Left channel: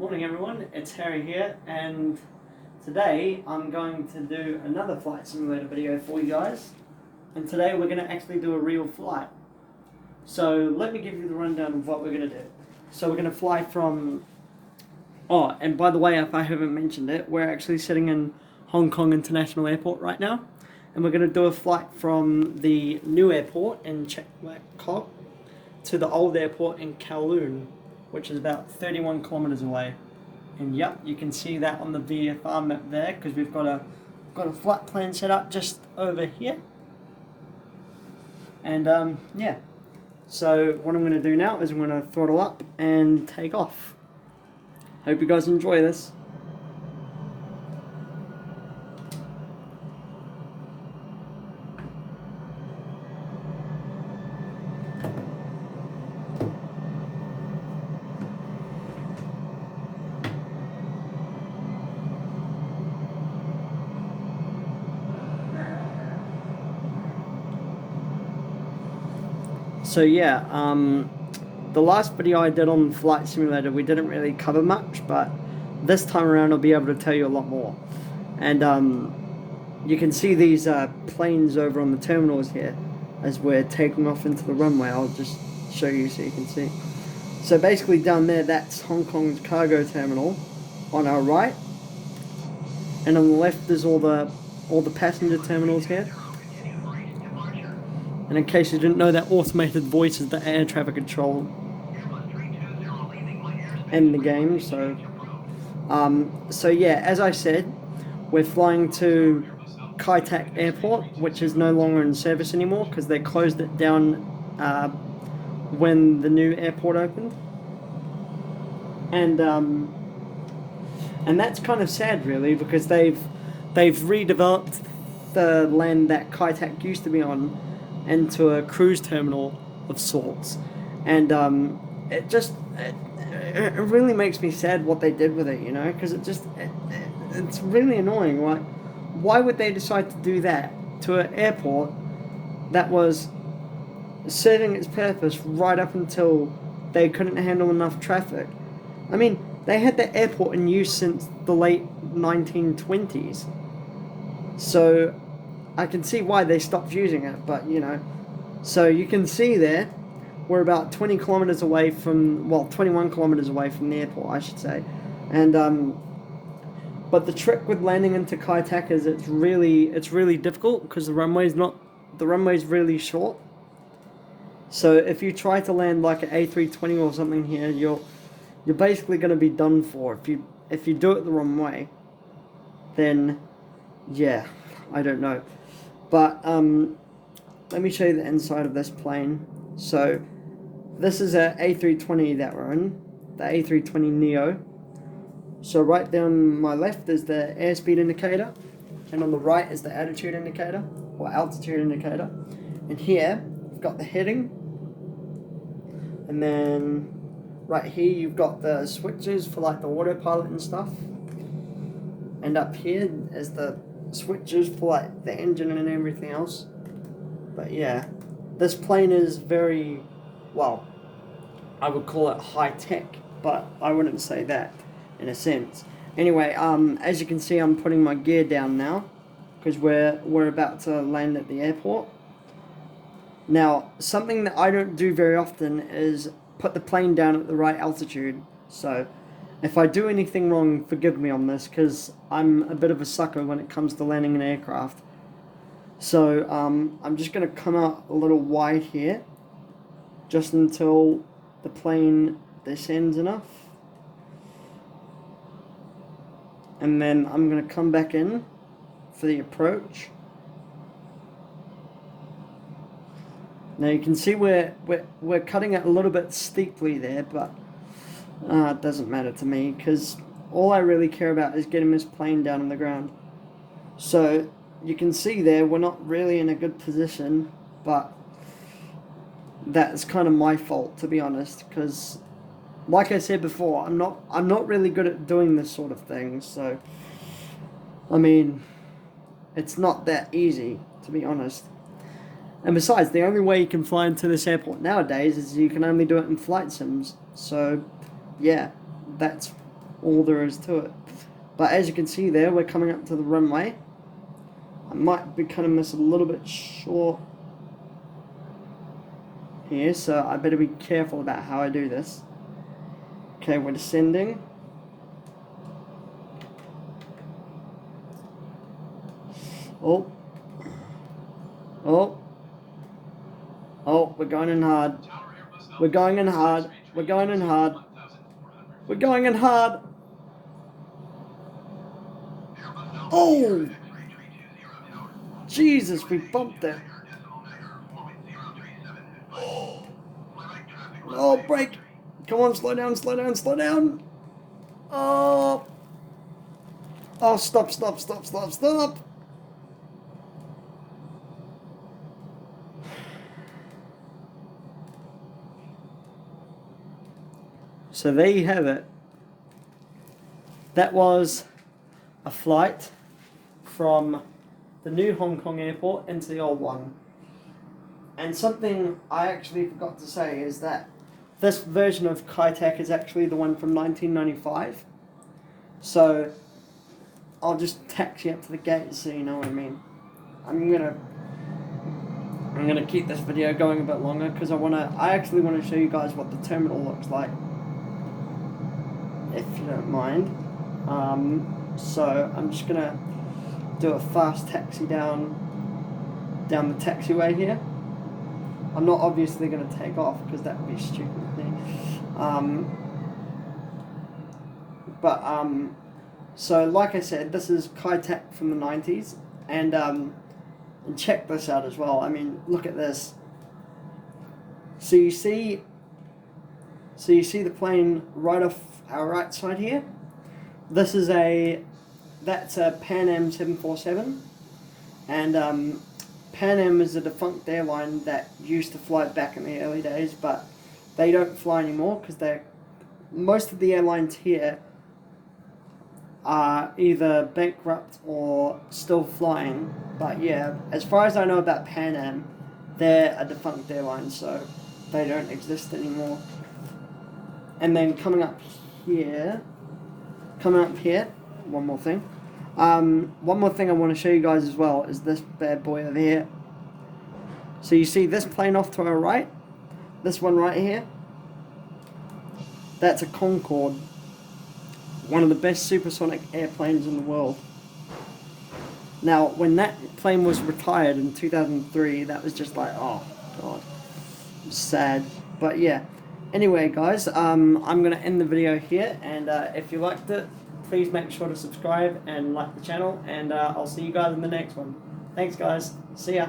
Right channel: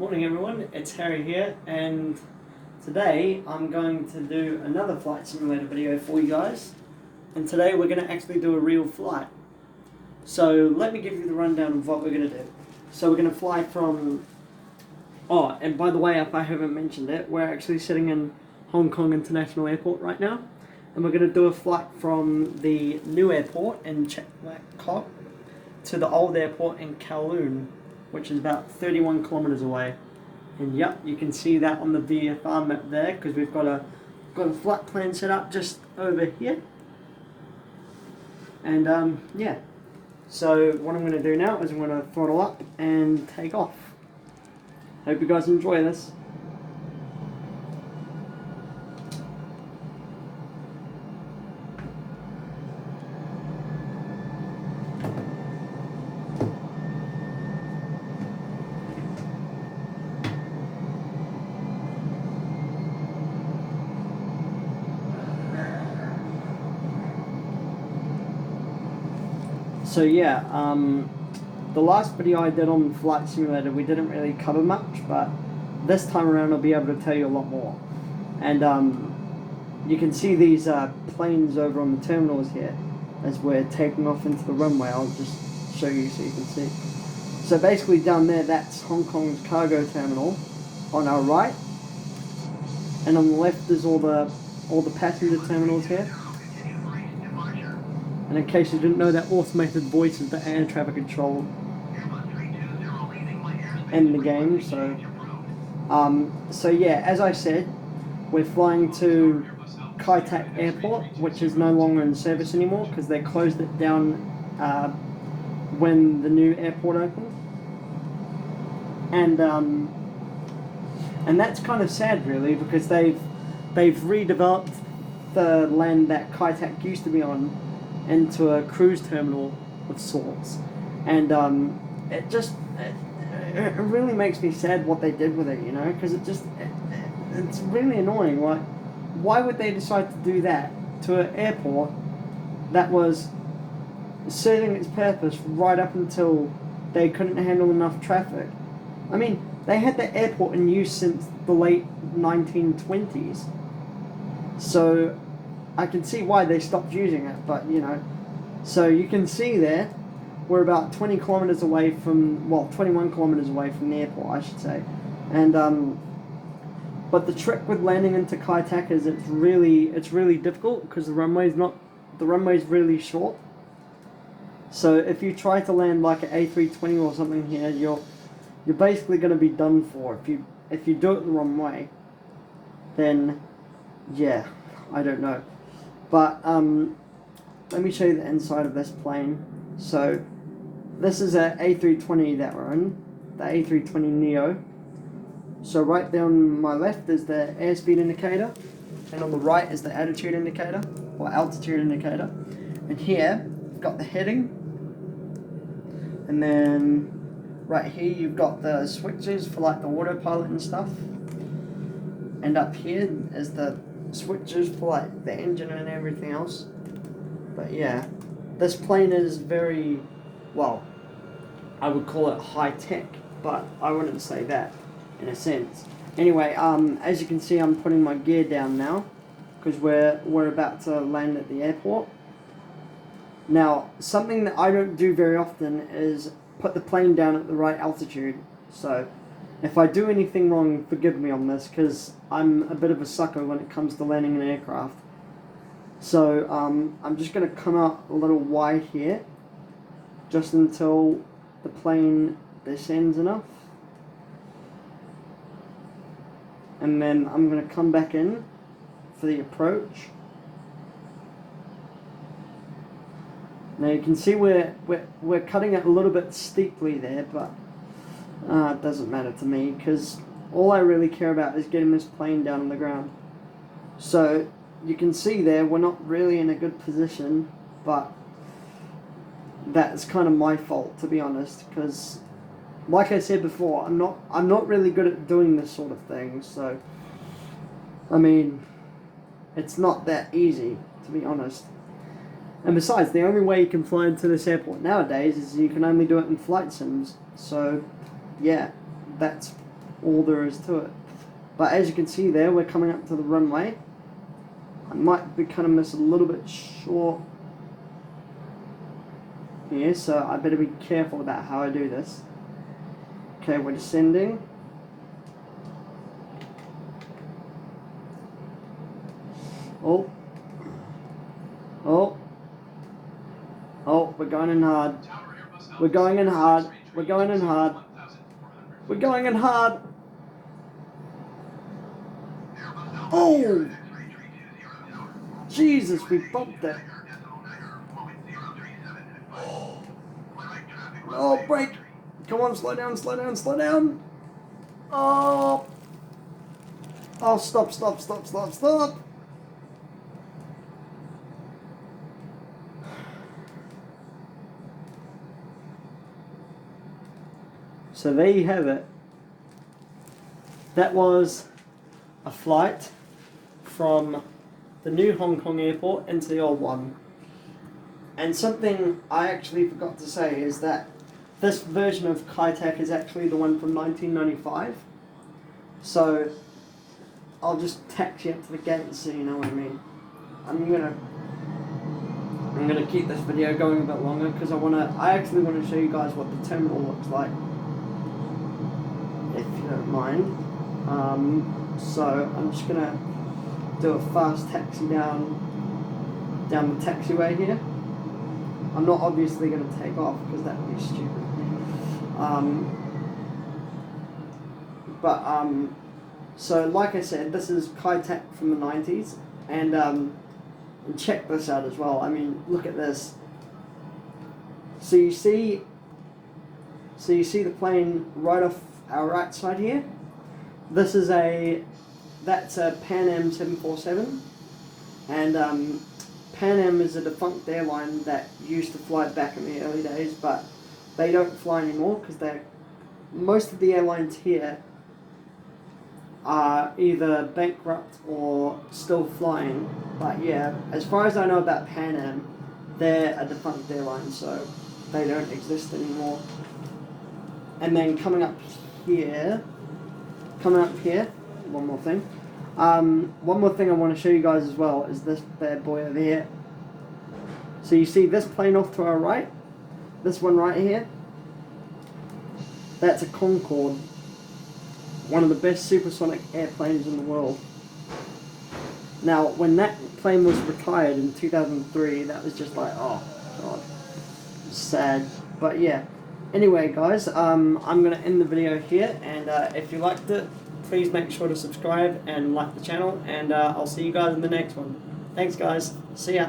Morning everyone, it's Harry here, and today I'm going to do another flight simulator video for you guys. And today we're going to actually do a real flight. So let me give you the rundown of what we're going to do. So we're going to fly from... Oh, and by the way, if I haven't mentioned it, we're actually sitting in Hong Kong International Airport right now. And we're going to do a flight from the new airport in Chek Wai Kok to the old airport in Kowloon, which is about 31 kilometers away. And yep, you can see that on the VFR map there, because we've got a flight plan set up just over here. And yeah, so what I'm going to do now is I'm going to throttle up and take off. Hope you guys enjoy this. So yeah, the last video I did on Flight Simulator, we didn't really cover much, but this time around I'll be able to tell you a lot more. And you can see these planes over on the terminals here as we're taking off into the runway. I'll just show you so you can see. So basically down there, that's Hong Kong's cargo terminal on our right, and on the left there's all the passenger terminals here. And in case you didn't know, that automated voice is the air traffic control in the game. So yeah, as I said, we're flying to Kai Tak Airport, which is no longer in service anymore because they closed it down when the new airport opened. And that's kind of sad, really, because they've redeveloped the land that Kai Tak used to be on into a cruise terminal of sorts, and it really makes me sad what they did with it, you know, because it's really annoying. Why would they decide to do that to an airport that was serving its purpose right up until they couldn't handle enough traffic? I mean, they had the airport in use since the late 1920s, so I can see why they stopped using it, but you know. So you can see there, we're about 20 kilometers away from, well, 21 kilometers away from the airport, I should say. And but the trick with landing into Kai Tak is it's really difficult because the runway's really short. So if you try to land like an A320 or something here, you're basically going to be done for. If you do it the wrong way, then yeah, I don't know. But let me show you the inside of this plane. So this is a A320 that we're in, the A320neo. So right there on my left is the airspeed indicator, and on the right is the attitude indicator, or altitude indicator. And here, we've got the heading, and then right here you've got the switches for like the autopilot and stuff. And up here is the switches for like the engine and everything else. But yeah, this plane is very, well, I would call it high tech, but I wouldn't say that in a sense. Anyway, as you can see, I'm putting my gear down now because we're about to land at the airport. Now, something that I don't do very often is put the plane down at the right altitude. So if I do anything wrong, forgive me on this, because I'm a bit of a sucker when it comes to landing an aircraft. So I'm just going to come out a little wide here, just until the plane descends enough. And then I'm going to come back in for the approach. Now you can see we're cutting it a little bit steeply there, but it doesn't matter to me because all I really care about is getting this plane down on the ground. So you can see there we're not really in a good position, but that's kind of my fault, to be honest, because like I said before, I'm not really good at doing this sort of thing. So I mean, it's not that easy, to be honest. And besides, the only way you can fly into this airport nowadays is you can only do it in flight sims. So, yeah, that's all there is to it. But as you can see there, we're coming up to the runway. I might be cutting this a little bit short here, so I better be careful about how I do this. Okay, we're descending. Oh. Oh. Oh, we're going in hard. We're going in hard. We're going in hard. We're going in hard. Oh! Jesus, we bumped it. Oh, brake. Come on, slow down, slow down, slow down. Oh. Oh, stop, stop, stop, stop, stop. So there you have it. That was a flight from the new Hong Kong airport into the old one. And something I actually forgot to say is that this version of Kai Tak is actually the one from 1995. So I'll just taxi up to the gate so you know what I mean. I'm gonna keep this video going a bit longer because I actually want to show you guys what the terminal looks like, if you don't mind. So I'm just gonna do a fast taxi down the taxiway here. I'm not obviously gonna take off because that would be stupid. So like I said, this is Kai Tak from the 90s, and check this out as well. I mean, look at this. So you see the plane right off our right side here. That's a Pan Am 747, and Pan Am is a defunct airline that used to fly back in the early days, but they don't fly anymore because most of the airlines here are either bankrupt or still flying. But yeah, as far as I know about Pan Am, they're a defunct airline, so they don't exist anymore. And then coming up here, one more thing. One more thing I want to show you guys as well is this bad boy over here. So you see this plane off to our right, this one right here, that's a Concorde, one of the best supersonic airplanes in the world. Now, when that plane was retired in 2003, that was just like, oh god, sad. But yeah, anyway guys, I'm going to end the video here, and if you liked it, please make sure to subscribe and like the channel, and I'll see you guys in the next one. Thanks guys, see ya.